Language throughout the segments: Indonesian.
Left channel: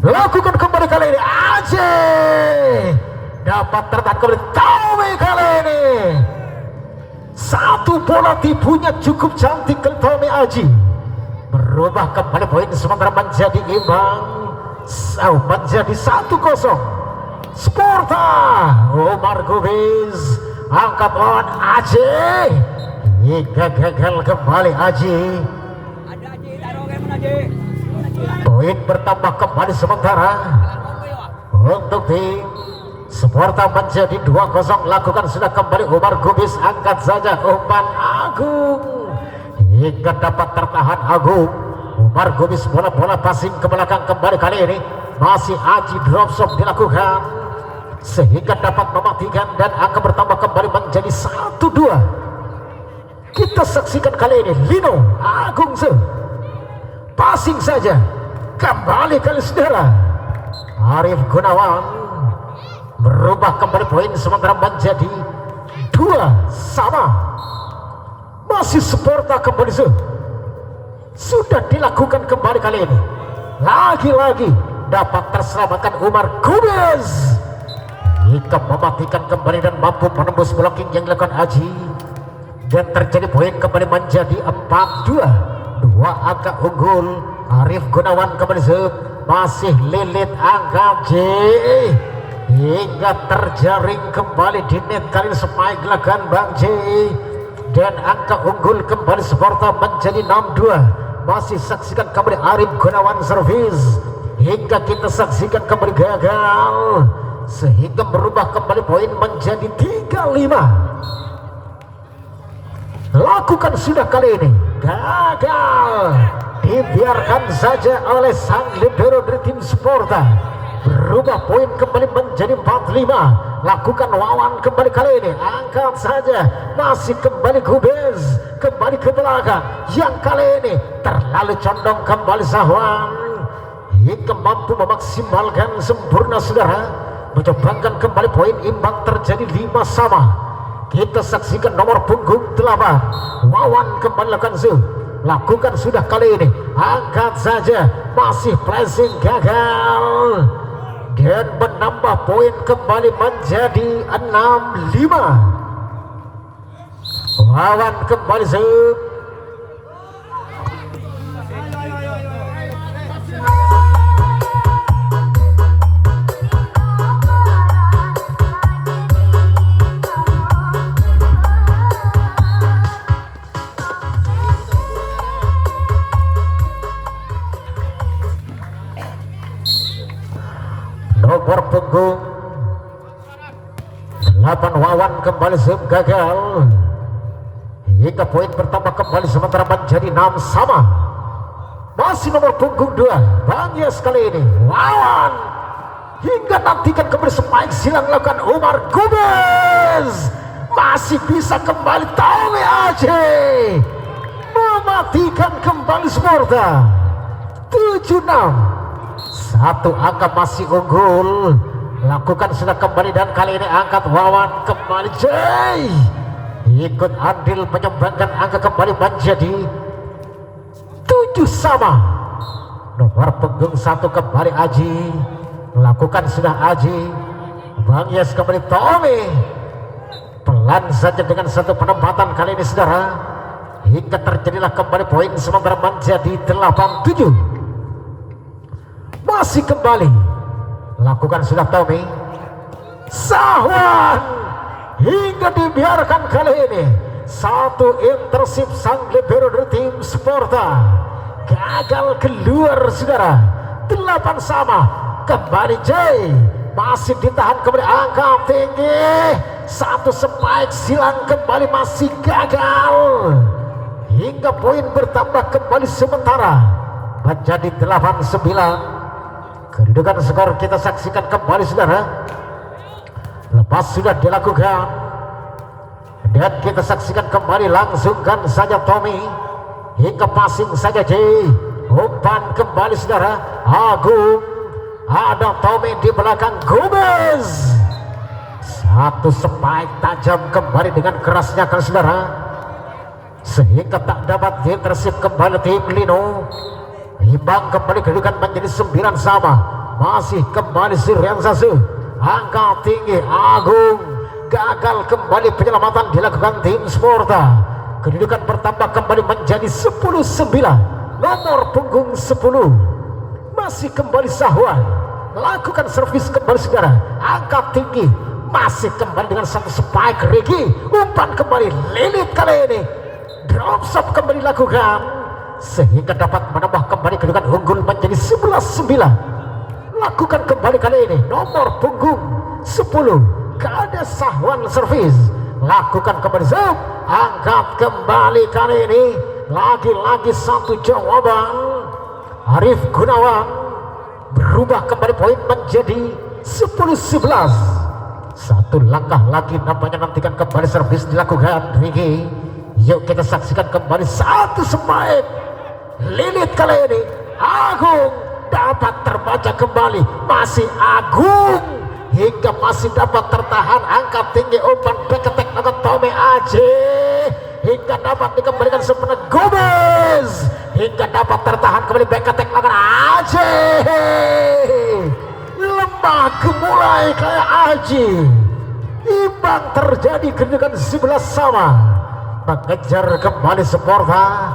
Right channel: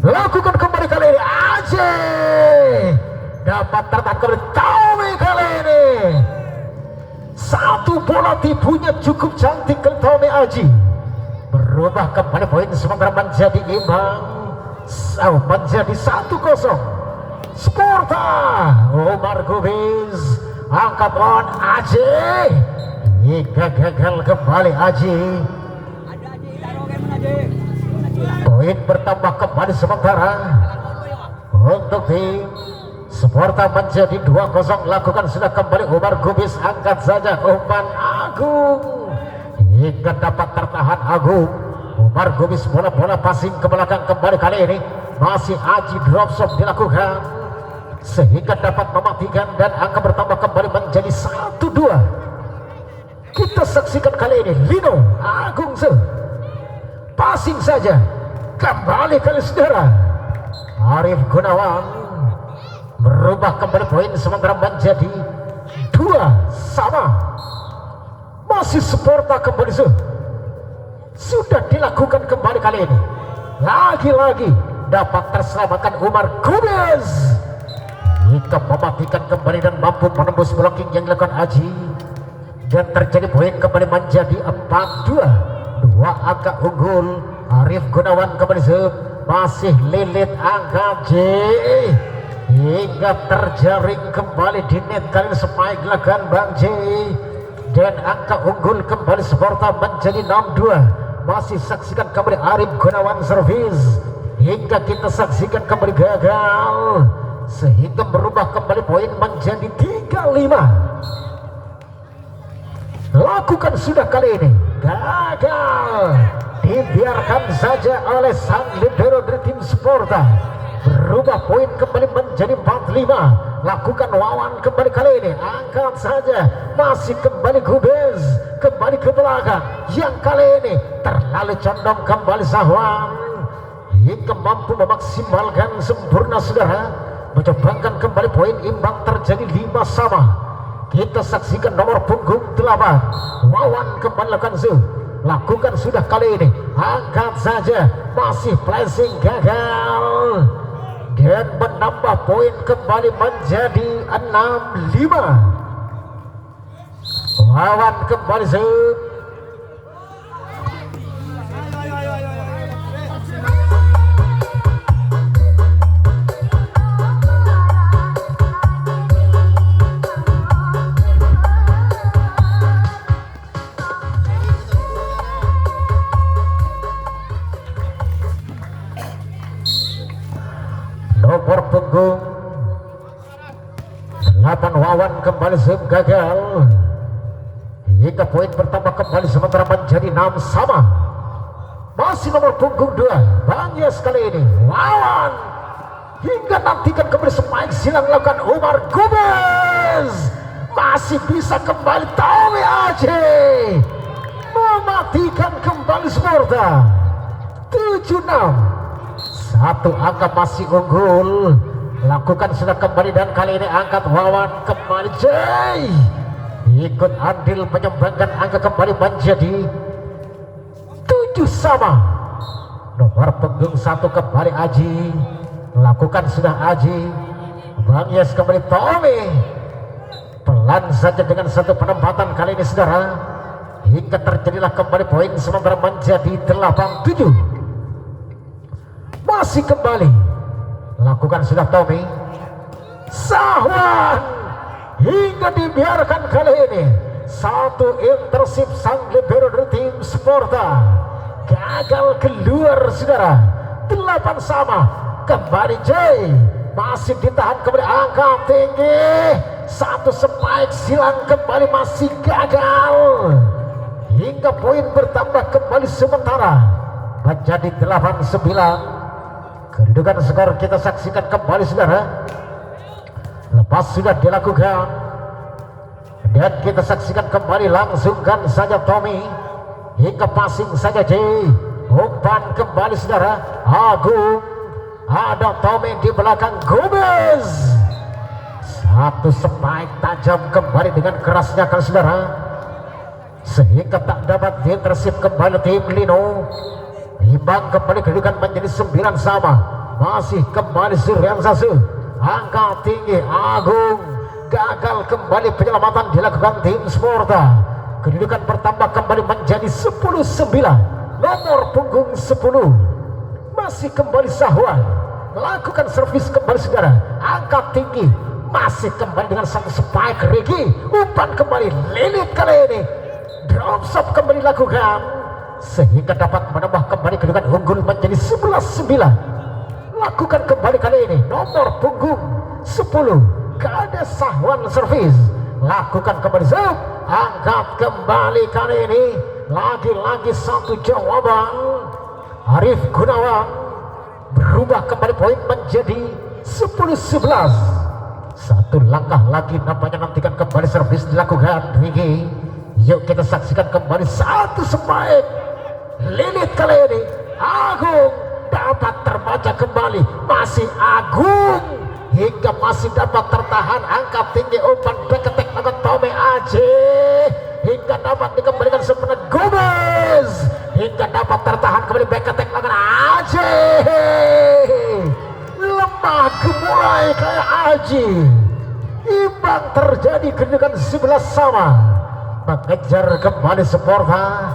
Lakukan kembali kali ini Aceh dapat tertahan kembali Tommy kali ini. Satu bola tipunya cukup cantik ke Tommy Aji, berubah kembali poin sementara menjadi imbang, menjadi 1-0. Sparta Omar Gubis angkat on Aceh hingga gagal kembali Aji. Poin bertambah kembali sementara untuk tim Sparta menjadi 2-0. Lakukan sudah kembali Omar Gubis, angkat saja umpan Agung hingga dapat tertahan Agung. Omar Gubis bola passing ke belakang kembali kali ini masih Aji, drop shot dilakukan sehingga dapat mematikan dan angka bertambah kembali menjadi 1-2. Kita saksikan kali ini Lino Agung passing saja kembali kali saudara Arif Gunawan, berubah kembali poin sementara menjadi 2-2. Masih Sparta kembali sudah dilakukan kembali kali ini, lagi-lagi dapat terselamatkan Umar Gubis hingga mematikan kembali dan mampu menembus blocking yang dilakukan Aji, dan terjadi poin kembali menjadi 4-2. Dua angka unggul. Arif Gunawan kembali masih lilit angka J hingga terjaring kembali di net kali spike dilakukan Bang J, dan angka unggul kembali Sparta menjadi 6-2. Masih saksikan kembali Arif Gunawan servis hingga kita saksikan kembali gagal sehingga berubah kembali poin menjadi 3-5. Lakukan sudah kali ini gagal, dibiarkan saja oleh sang libero dari tim Sparta. Berubah poin kembali menjadi 4-5. Lakukan Wawan kembali kali ini, angkat saja, masih kembali Gubis kembali ke belakang, yang kali ini terlalu condong kembali Sahwan hingga mampu memaksimalkan sempurna saudara, menyumbangkan kembali poin imbang terjadi 5-5. Kita saksikan nomor punggung 8 Wawan kembali lakukan sudah kali ini, angkat saja, masih flashing gagal dan menambah poin kembali menjadi 6-5. Wawan kembali nomor punggung 8 Wawan kembali gagal hingga poin bertambah kembali sementara menjadi 6-sama. Masih nomor punggung 2 Bang Yes kali ini Wawan hingga nantikan kembali spike silang lakukan Umar Gubis, masih bisa kembali Tommy Aceh mematikan kembali Sparta 7-6. Satu angka masih unggul. Lakukan sudah kembali dan kali ini angkat Wawan kembali Jay ikut andil menyumbangkan angka kembali menjadi 7-sama. Nomor punggung 1 kembali Aji, lakukan sudah Aji. Bang Yes kembali Tommy, pelan saja dengan satu penempatan kali ini saudara hingga terjadilah kembali poin sementara menjadi 8-7. Masih kembali lakukan sudah Tommy, Sahwan hingga dibiarkan kali ini satu intersip sang libero dari tim Sparta gagal keluar saudara. 8-sama kembali Jay, masih ditahan kembali angka tinggi, satu spike silang kembali masih gagal hingga poin bertambah kembali sementara menjadi 8-9. Kedudukan skor kita saksikan kembali saudara. Lepas sudah dilakukan dan kita saksikan kembali, langsungkan saja Tommy hingga passing saja J, umpan kembali saudara Agung, ada Tommy di belakang Gubis, satu spike tajam kembali dengan kerasnya kan saudara, sehingga tak dapat diintersip kembali tim Lino. Imbang kembali kedudukan menjadi 9 sama. Masih kembali si Riansasu. Angka tinggi Agung. Gagal kembali penyelamatan dilakukan tim Sporta. Kedudukan bertambah kembali menjadi 10-9. Nomor punggung 10 masih kembali Sahwan. Lakukan servis kembali saudara. Angkat tinggi. Masih kembali dengan satu spike Regi. Umpan kembali Lilit kali ini. Drop shot kembali lakukan sehingga dapat menambah kembali kedudukan unggul menjadi 11-9. Lakukan kembali kali ini nomor punggung 10 Kades Sahwan servis. Lakukan kembali zoom. Angkat kembali kali ini. Lagi-lagi satu jawaban. Arif Gunawan berubah kembali poin menjadi 10-11. Satu langkah lagi nampaknya, nantikan kembali servis dilakukan Rigi. Yuk kita saksikan kembali satu spike Lilit kali ini. Agung dapat terbaca kembali. Masih Agung hingga masih dapat tertahan. Angkat tinggi umpan back attack lakukan Tome Aji hingga dapat dikembalikan sepenuhnya Gomez hingga dapat tertahan kembali back attack lakukan Aji. Lemah gemurai kayak Aji. Imbang terjadi kedudukan 11 sama. Mengejar kembali Sporta.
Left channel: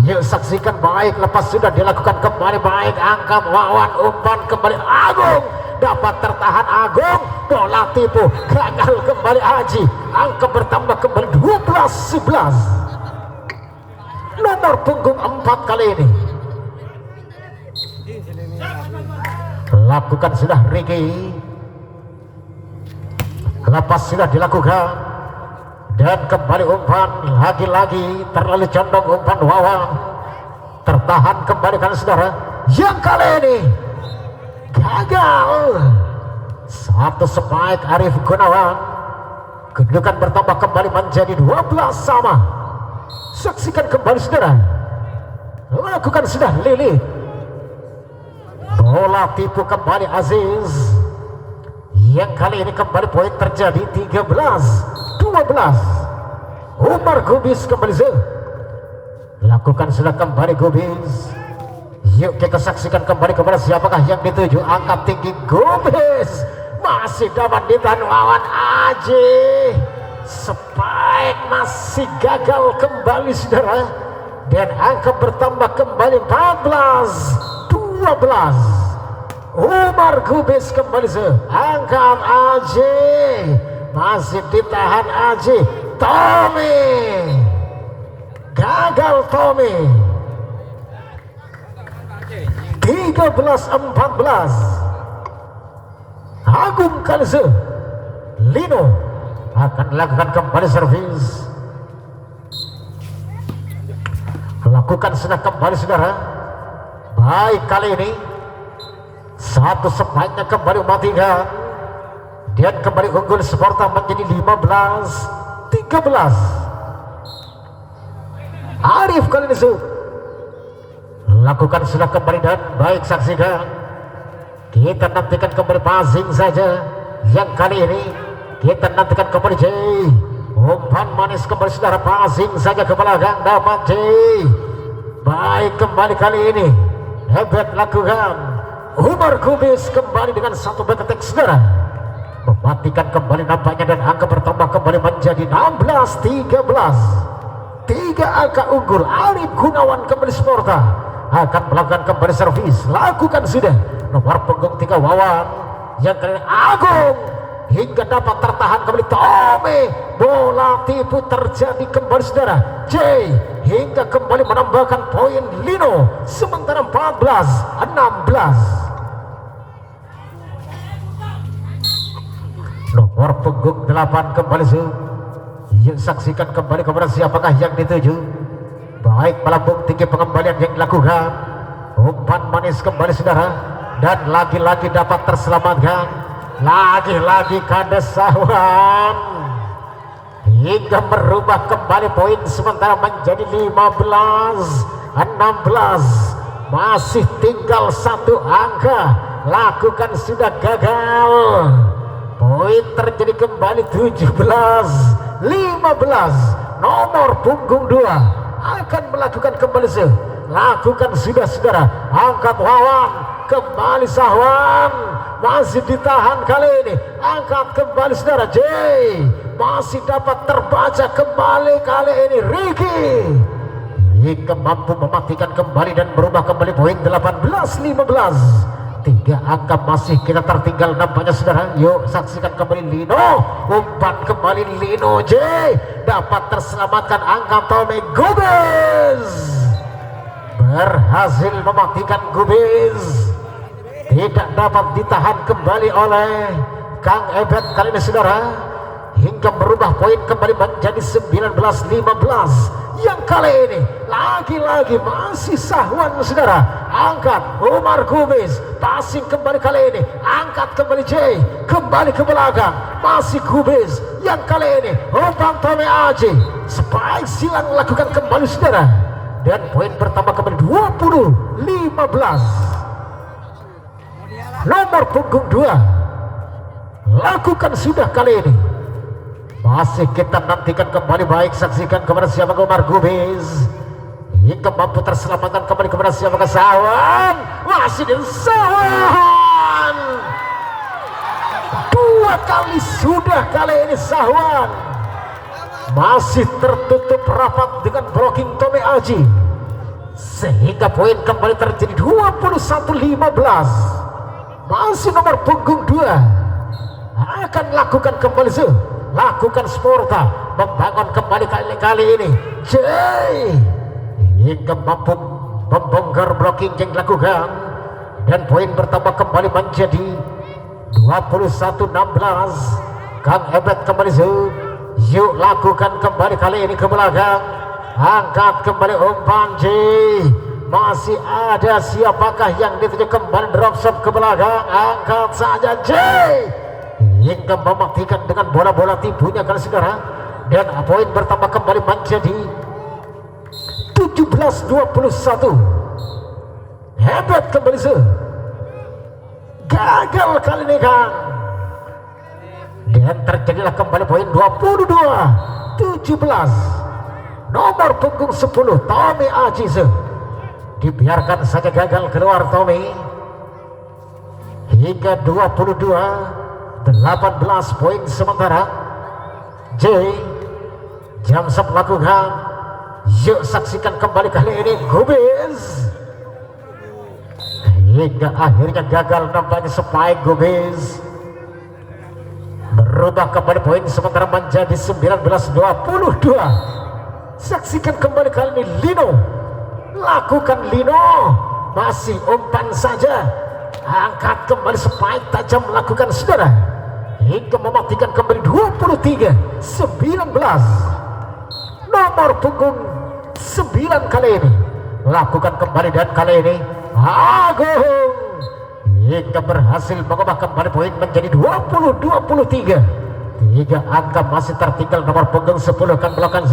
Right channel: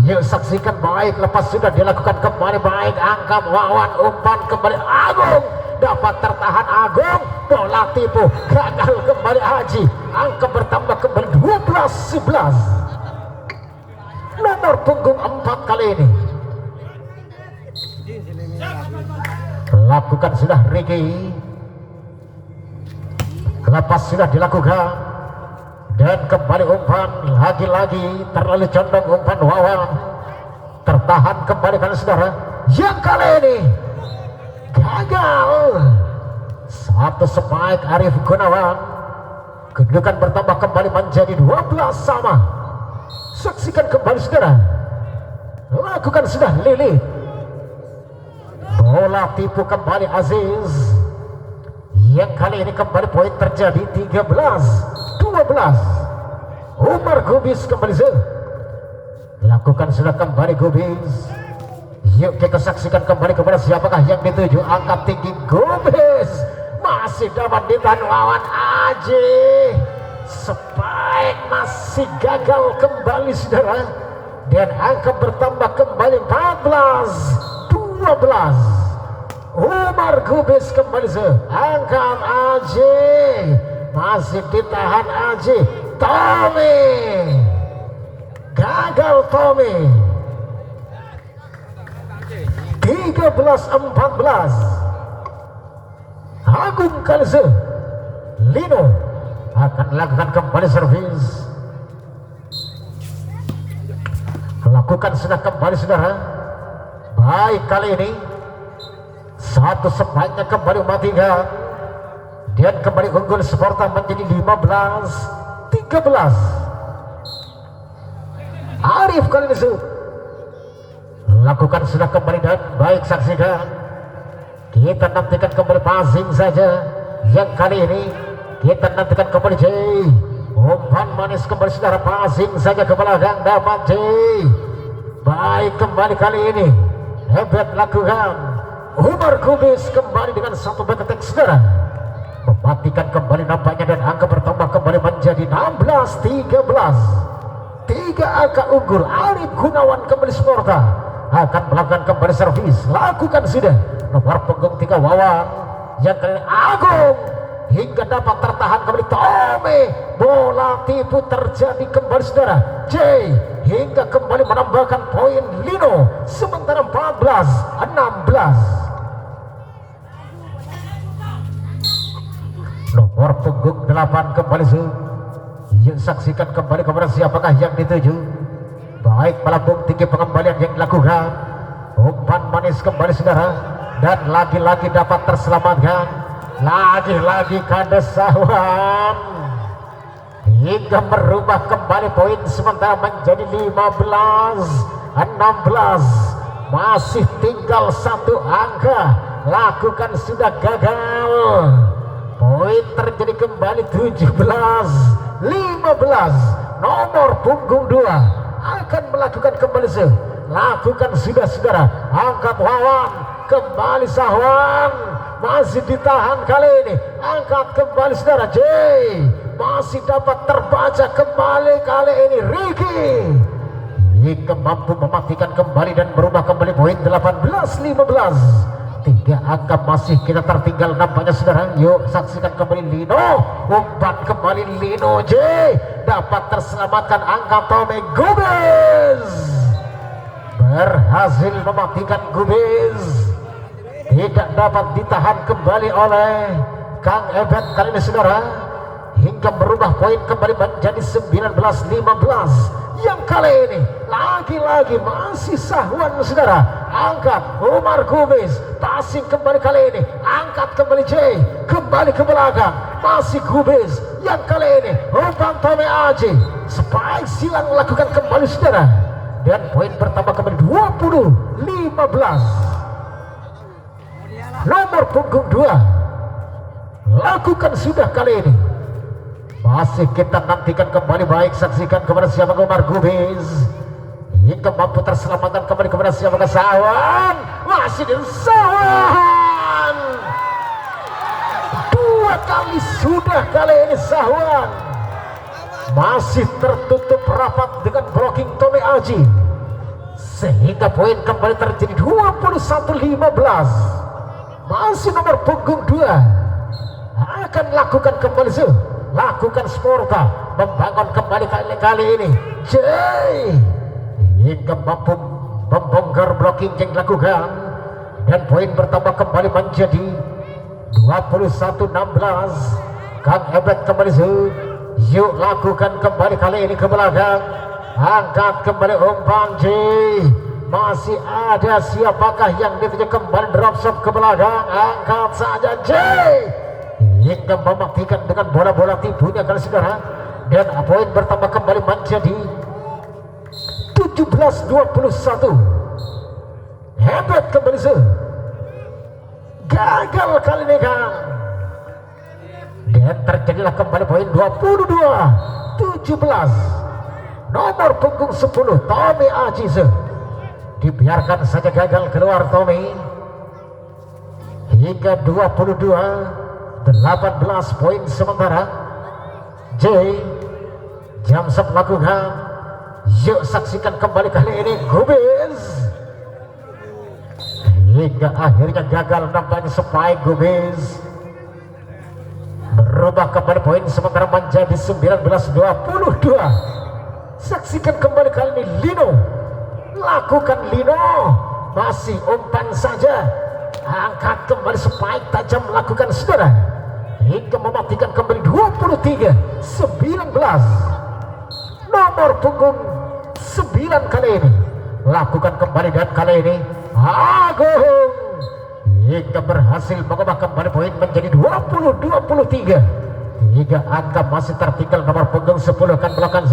Yuk saksikan baik, lepas sudah dilakukan kembali baik. Angkat Wawan, umpan kembali Agung. Dapat tertahan Agung. Bola tipu, gagal kembali Haji. Angka bertambah kembali 12-11. Nomor punggung 4 kali ini. Lakukan sudah Riki. Lepas sudah dilakukan. Dan kembali umpan lagi-lagi terlalu condong umpan Wawan. Tertahan kembali kan saudara. Yang kali ini gagal. Satu spike Arif Gunawan. Kedudukan bertambah kembali menjadi 12 sama. Saksikan kembali saudara. Lakukan sudah Lili. Bola tipu kembali Aziz. Yang kali ini kembali poin terjadi 13-12. Umar Gubis kembali lakukan sudah kembali Gubis. Yuk kita saksikan kembali kepada siapakah yang dituju. Angkat tinggi Gubis. Masih dapat ditahan Wawan Aji. Spike masih gagal kembali saudara. Dan angka bertambah kembali 14-12. Umar Gubis kembali angkat Aji. Masih ditahan Aji. Tommy gagal. Tommy 13-14. Agung Kalse. Lino akan lakukan kembali servis. Lakukan sudah kembali saudara. Baik kali ini satu spike-nya kembali mematikan. Dan kembali unggul Sporta menjadi 15-13. Arif kali ini lakukan sudah kembali dan baik saksikan. Kita nantikan kembali passing saja. Yang kali ini kita nantikan kembali J. Umpan manis kembali saudara, passing saja ke belakang dapat J. Baik kembali kali ini hebat lakukan. Umar Gubis kembali dengan satu back attack saudara. Mematikan kembali nampaknya dan angka bertambah kembali menjadi 16-13. 3 angka unggul. Arif Gunawan kembali Sporta akan melakukan kembali servis. Lakukan sudah nomor punggung 3 Wawan. Yang kali Agung hingga dapat tertahan kembali Tommy. Bola tipu terjadi kembali saudara. J hingga kembali menambahkan poin Lino. Sementara 14-16. Nomor punggung 8 kembali yang saksikan kembali kepada siapakah yang dituju. Baik melambung tinggi pengembalian yang dilakukan. Umpan manis kembali saudara. Dan lagi-lagi dapat terselamatkan. Lagi-lagi Kades Sahwan hingga merubah kembali poin sementara menjadi 15-16. Masih tinggal satu angka. Lakukan sudah gagal. Poin terjadi kembali 17-15. Nomor punggung 2 akan melakukan kembali lakukan sudah saudara, angkat Wawan, kembali Sahwan, masih ditahan kali ini, angkat kembali saudara, J masih dapat terbaca kembali kali ini Ricky hingga mampu mematikan kembali dan berubah kembali poin 18-15. 3 angka masih kita tertinggal nampaknya saudara. Yuk saksikan kembali Lino, umpan kembali Lino, J dapat terselamatkan angka Tommy Gomez, berhasil mematikan Gomez, tidak dapat ditahan kembali oleh Kang Ebet kali ini saudara, hingga berubah poin kembali menjadi 19-15. Yang kali ini lagi-lagi masih Sahwan saudara, angkat Umar Gomez, passing kembali kali ini, angkat kembali J, kembali ke belakang, masih Gomez. Yang kali ini umpan Tommy Aji, spike silang lakukan kembali saudara, dan poin bertambah kembali 20-15. Nomor punggung 2 lakukan sudah kali ini, masih kita nantikan kembali, baik saksikan kepada siapa Umar Gomez hingga mampu terselamatkan kembali kepada siapa Sahwan, masih di Sahwan, 2 kali sudah kali ini Sahwan masih tertutup rapat dengan blocking Tommy Aji, sehingga poin kembali terjadi 21-15. Masih nomor punggung 2 akan lakukan kembali lakukan Sporta, membangun kembali kali ini J hingga mampu membongkar blocking yang dilakukan, dan poin bertambah kembali menjadi 21-16. Kang Ebet kembali yuk lakukan kembali kali ini ke belakang, angkat kembali umpan J, masih ada siapakah yang dituju kembali, drop shot ke belakang, angkat saja J hingga mematikan dengan bola-bola tipunya kali saudara, dan poin bertambah kembali menjadi 17-21. Hebat kembali gagal kali ini Kang, dan terjadilah kembali poin 22-17. Nomor punggung 10 Tommy Aji, dibiarkan saja gagal keluar Tommy hingga 22-18 poin sementara. J Jamsep lakukan, yuk saksikan kembali kali ini Gomez hingga akhirnya gagal nampaknya spike Gomez, berubah kembali poin sementara menjadi 19-22. Saksikan kembali kali ini Lino, lakukan Lino, masih umpan saja, angkat kembali spike tajam lakukan saudara, hingga mematikan kembali 23-19. Nomor punggung 9 kali ini lakukan kembali, dan kali ini Agung hingga berhasil mengubah kembali poin menjadi 20-23. 3 angka masih tertinggal nomor punggung 10 kan belakang.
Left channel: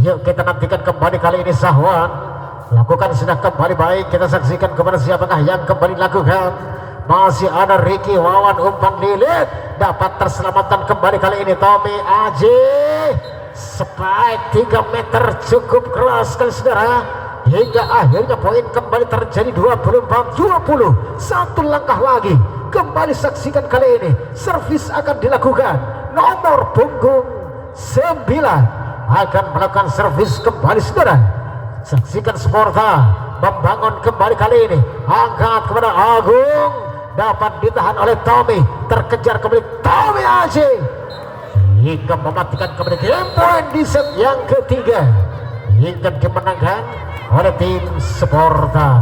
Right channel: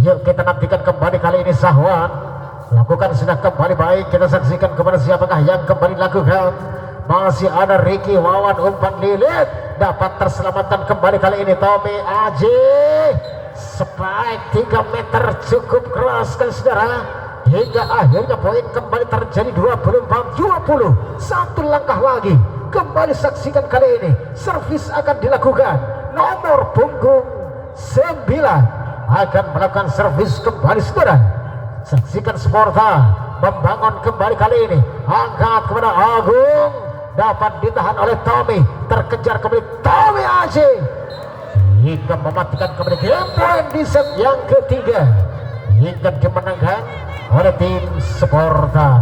Yuk kita nantikan kembali kali ini Sahwan lakukan sudah kembali, baik kita saksikan kepada siapakah yang kembali lakukan. Masih ada Ricky Wawan, umpan lilit dapat terselamatkan kembali kali ini Tommy Aji, spike 3 meter cukup keras kan saudara, hingga akhirnya poin kembali terjadi 24-20. 1 langkah lagi kembali saksikan kali ini servis akan dilakukan. Nomor punggung 9 akan melakukan servis kembali saudara. Saksikan Sporta membangun kembali kali ini, angkat kepada Agung, dapat ditahan oleh Tommy, terkejar kembali Tommy Aji hingga mematikan kembali game point di set yang ketiga hingga dimenangkan oleh tim Sporta.